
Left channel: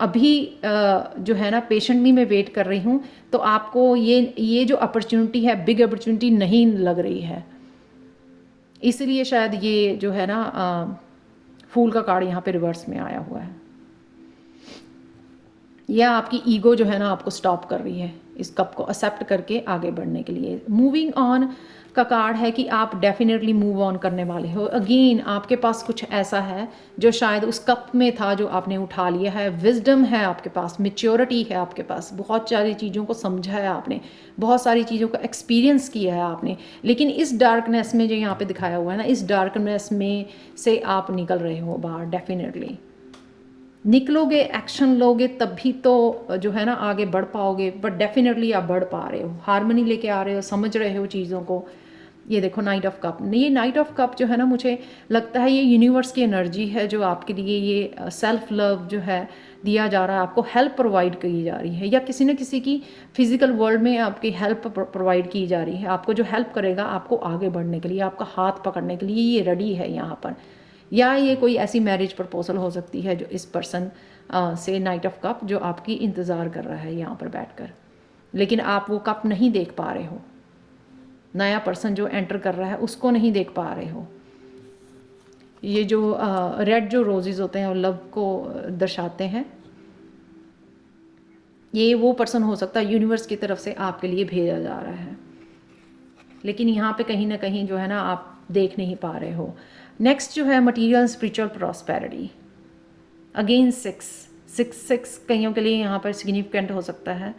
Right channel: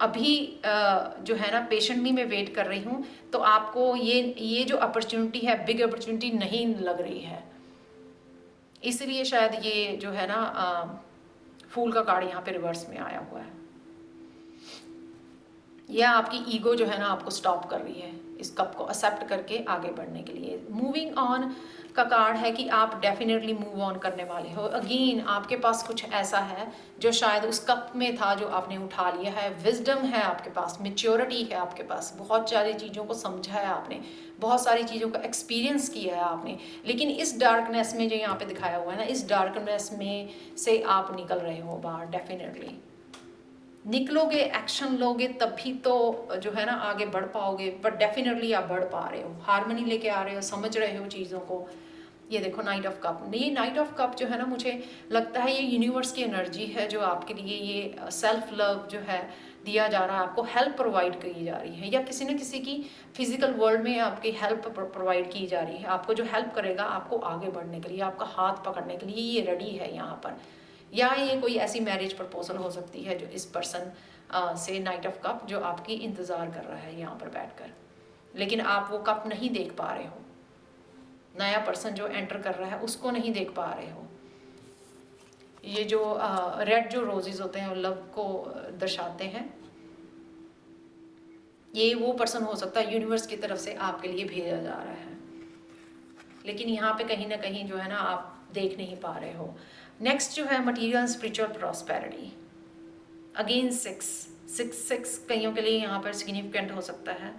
अभी जो है ना पेशेंटली मैं वेट कर रही हूँ, तो आपको ये जो अपॉर्चुनिटी है, बिग अपॉर्चुनिटी नहीं लग रही है। इसलिए शायद ये जो है ना फूल का कार्ड यहाँ पे रिवर्स में आया हुआ है। यह आपकी ईगो जो है ना आपको स्टॉप कर रही है इस कप को एक्सेप्ट करके आगे बढ़ने के लिए। मूविंग ऑन का कार्ड है कि आप डेफिनेटली मूव ऑन करने वाले हो। अगेन आपके पास कुछ ऐसा है जो शायद उस कप में था जो आपने उठा लिया है। विजडम है आपके पास, मैच्योरिटी है आपके पास, बहुत सारी चीज़ों को समझा है आपने, बहुत सारी चीज़ों का एक्सपीरियंस किया है आपने। लेकिन इस डार्कनेस में जो यहाँ पे दिखाया हुआ है ना, इस डार्कनेस में से आप निकल रहे हो बाहर। डेफिनेटली निकलोगे, एक्शन लोगे, तभी तो जो है ना आगे बढ़ पाओगे। बट डेफिनेटली आप बढ़ पा रहे हो, हारमोनी लेके आ रहे हो, समझ रहे हो चीज़ों को। ये देखो नाइट ऑफ कप, ये नाइट ऑफ कप जो है ना, मुझे लगता है ये यूनिवर्स की एनर्जी है जो आपके लिए ये सेल्फ लव जो है दिया जा रहा है, आपको हेल्प प्रोवाइड की जा रही है, या किसी न किसी की फिजिकल वर्ल्ड में आपकी हेल्प प्रोवाइड की जा रही है। आपको जो हेल्प करेगा आपको आगे बढ़ने के लिए, आपका हाथ पकड़ने के लिए ये रेडी है यहाँ पर। या ये कोई ऐसी मैरिज प्रपोजल हो सकती है जो इस पर्सन से नाइट ऑफ कप जो आपकी इंतज़ार कर रहा है यहाँ पर बैठकर, लेकिन आप वो कप नहीं देख पा रहे हो। नया पर्सन जो एंटर कर रहा है उसको नहीं देख पा रहे हो। ये जो रेड जो रोजेज़ होते हैं वो लव को दर्शाते हैं। ये वो पर्सन हो सकता है यूनिवर्स की तरफ से आपके लिए भेजा जा रहा है, लेकिन यहाँ पे कहीं ना कहीं जो है ना आप देख नहीं पा रहे हो। नेक्स्ट जो है material spiritual prosperity. Again six six six कईयों के लिए यहाँ पर सिग्निफिकेंट हो सकता है।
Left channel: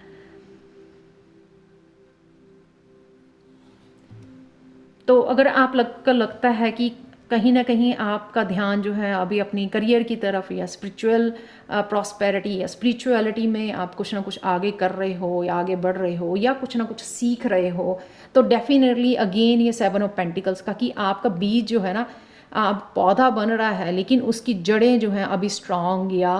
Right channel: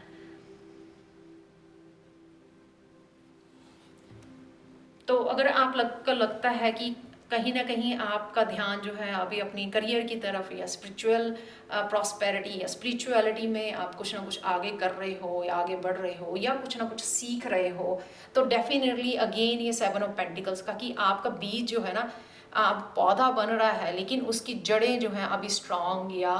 तो अगर आप लगता है कि कहीं ना कहीं आपका ध्यान जो है अभी अपनी करियर की तरफ या स्पिरिचुअल प्रॉस्पेरिटी या स्पिरिचुअलिटी में आप कुछ ना कुछ आगे कर रहे हो या आगे बढ़ रहे हो या कुछ ना कुछ सीख रहे हो, तो डेफिनेटली अगेन ये 7 ऑफ पेंटिकल्स का कि आपका बीज जो है ना पौधा बन रहा है, लेकिन उसकी जड़ें जो हैं अभी स्ट्रांग या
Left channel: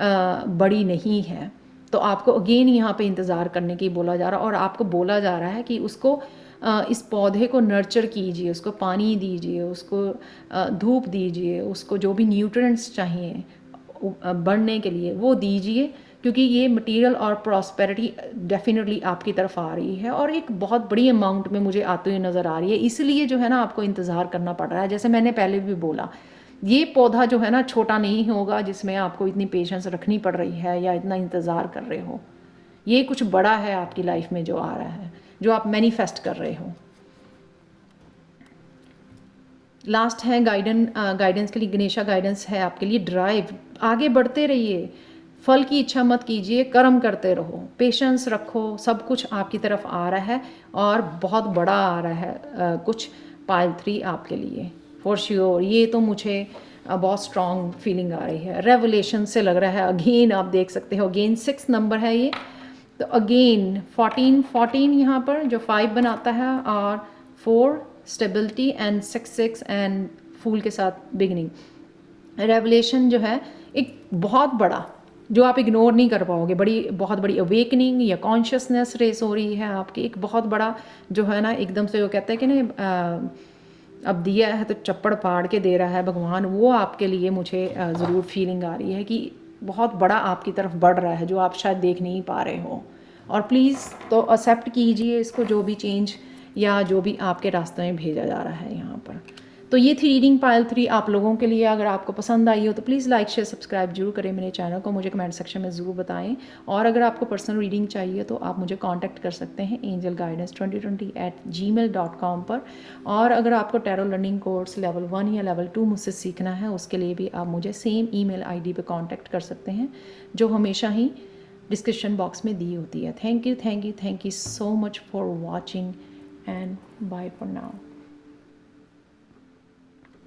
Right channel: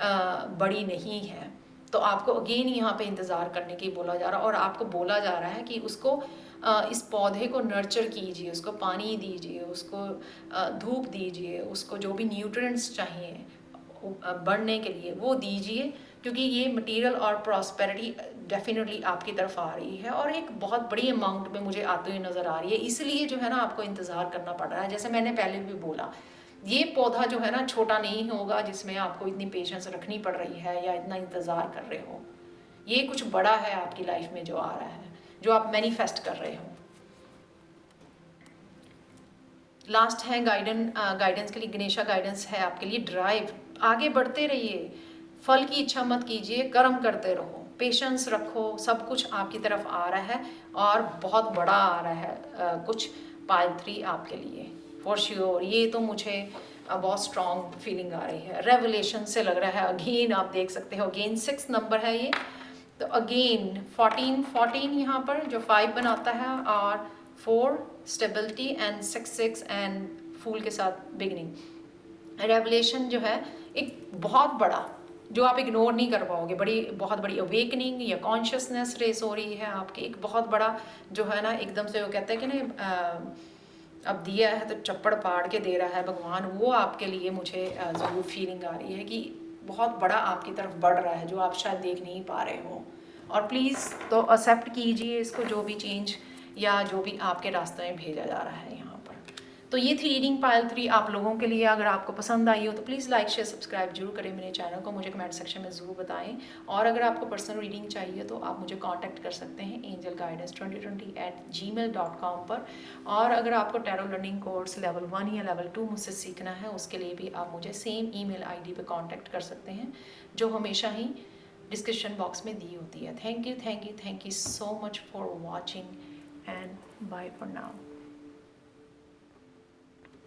बड़ी नहीं है। तो आपको अगेन यहाँ पे इंतज़ार करने की बोला जा रहा है, और आपको बोला जा रहा है कि उसको इस पौधे को नर्चर कीजिए, उसको पानी दीजिए, उसको धूप दीजिए, उसको जो भी न्यूट्रिएंट्स चाहिए बढ़ने के लिए वो दीजिए, क्योंकि ये मटेरियल और प्रॉस्पेरिटी डेफिनेटली आपकी तरफ आ रही है और एक बहुत बड़ी अमाउंट में मुझे आते हुए नज़र आ रही है। इसलिए जो है ना आपको इंतज़ार करना पड़ रहा है। जैसे मैंने पहले भी बोला, ये पौधा जो है ना छोटा नहीं होगा जिसमें आपको इतनी पेशेंस रखनी पड़ रही है या इतना इंतज़ार कर रहे हो। ये कुछ बड़ा है आपकी लाइफ में जो आ रहा है, जो आप मैनिफेस्ट कर रहे हो। लास्ट है गाइडेंस के लिए गणेशा गाइडेंस है आपके लिए। ड्राइव, आगे बढ़ते रहिए, फल की इच्छा मत कीजिए, कर्म करते रहो, पेशेंस रखो, सब कुछ आपकी तरफ आ रहा है और बहुत बड़ा आ रहा है कुछ पाइल 3 आपके लिए फॉर श्योर। ये तो मुझे बहुत स्ट्रॉन्ग फीलिंग आ रही है। रेवलेशन से लग रहा है अगेन, आप देख सकते हो अगेन 6 नंबर है ये, तो अगेन 14 यहाँ पर जो 5 बनाता है, और 4 स्टेबिलिटी एंड 6 एंड फूल के साथ बिगनिंग। रेवलेशन जो है एक बहुत बड़ा, जो आप इग्नोर नहीं कर पाओगे, बहुत बड़ी अवेकनिंग या कॉन्शियसनेस रेस हो रही है आपकी, एक बहुत बड़ा जो है ना, एकदम से वो कहते हैं कि नहीं अब दिया है तो चप्पड़ फाड़ के दे रहा है भगवान, वो आपके लिए मुझे ज़रूर फीलिंग आ रही है कि बहुत बड़ा आपकी तरफ बढ़ रहा है जो आप शायद देख नहीं पा रहे हो। और प्लीज़ तो एक्सेप्ट कीजिए इसको, जो भी चेंज या जो भी आपके रास्ते में भेजा जा रहा है यहाँ पर। तो ये थी रीडिंग पायल 3 आप लोगों के लिए। अगर आपको पसंद आई हो तो प्लीज़ लाइक शेयर सब्सक्राइब जरूर करें मेरे चैनल को, मुझे कमेंट सेक्शन में ज़रूर बताएं। और अगर आपको पर्सनल रीडिंग चाहिए तो आप मुझे कांटेक्ट कर सकते हैं angelguidance2020@gmail.com पर। और अगर आपको टैरो लर्निंग कोर्स लेवल 1 या लेवल 2 मुझसे सीखना है, उसके लिए भी आप मुझे सेम ईमेल आईडी पे कांटेक्ट कर सकते हैं जो हमेशा ही डिस्क्रिप्शन बॉक्स में दी होती है। Thank you so much for watching and bye for now.